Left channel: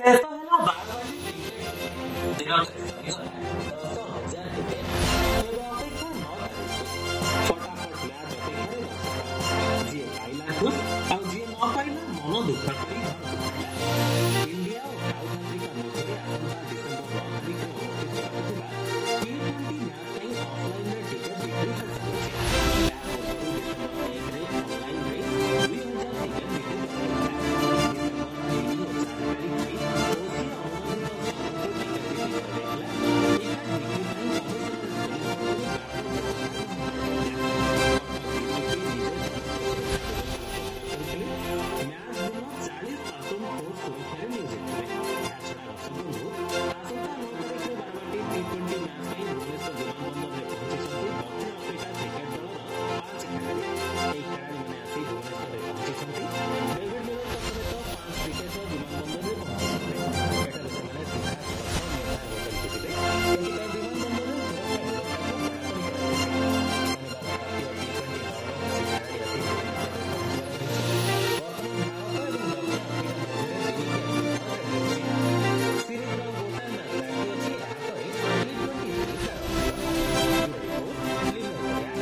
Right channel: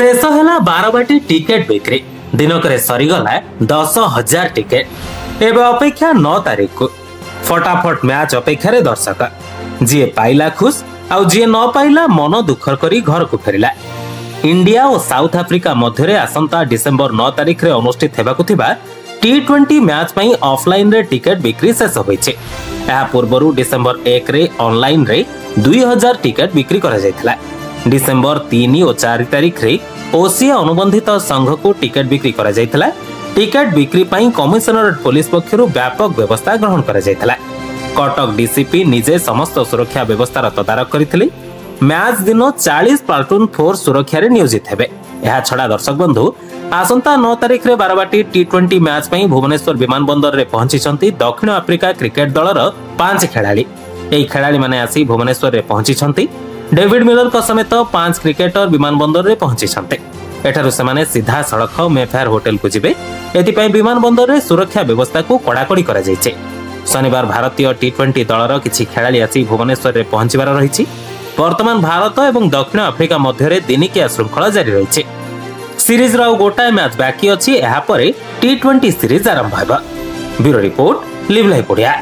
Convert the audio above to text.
शेष है बारवाटी टिकेट बिक्री दिनक सरीगला 10,000 टिकेट। एवं अपेक्षा 9 तारीख को फटाफट मैच अपेक्षा दर्शक जी पाइला खुश आउ जी न पाइला मन दुखर करी घर को फेरिला। इंडिया और साउथ आफ्रिका मध्य आसंता डिसेंबर 9 तारीख रे अनुष्ठित हेबाकु थिबा T20 मैच पई ऑफलाइन रे टिकेट बिक्री शेष होईचे। एहा पूर्वरु डिसेंबर 1 रे ऑनलाइन रे 2000 टिकेट बिक्री करा जायतिला। डिसेंबर 3 और 4 तारीख रे ओसिया अनुबंधित संघ को टिकेट बिक्री करा जायतिला। टिकेट बिक्री पई कमिशनरेट पुलिस पक्षरु व्यापक व्यवस्था ग्रहण करा जायतिला। कटक डीसीपी निजे समस्त सुरक्षा व्यवस्थार तदारक करथिले। मैच दिन 40 प्लाटून फोर्स सुरक्षा रे नियोजित हेबे। यह छड़ा दर्शक बंधु आसंता 9 तारीख रे बारवाटी T20 मैच पई भुवनेश्वर विमानबंदर रे पहुंची दक्षिण आफ्रिका क्रिकेट दलर 5 खेलाड़ी। एही खेलाड़ी माने आसी भुवनेश्वर रे पहुंची डेविड मिलर को समेत 5 क्रिकेटर विमानबंदर रे पहुंची एठारु सेमाने सीधा सड़क मेफेयर होटल को जिबे। एथिपई विमानबंदर रे सुरक्षा व्यवस्था को कड़ाकड़ी करा जायचे। शनिवार भारतीय T20 दलर किछि खेलाड़ी आसी भुवनेश्वर रे पहुंचीबार रहिछि। वर्तमान भारत एवं दक्षिण आफ्रिका मध्य दिनिकिया श्रृंखला जारी रही। सीरीज रो गोटाए मैच बाकी अछि। एहा परे T20 सीरीज आरंभ हेबा। ब्यूरो रिपोर्ट लिव लाइव पड़िया।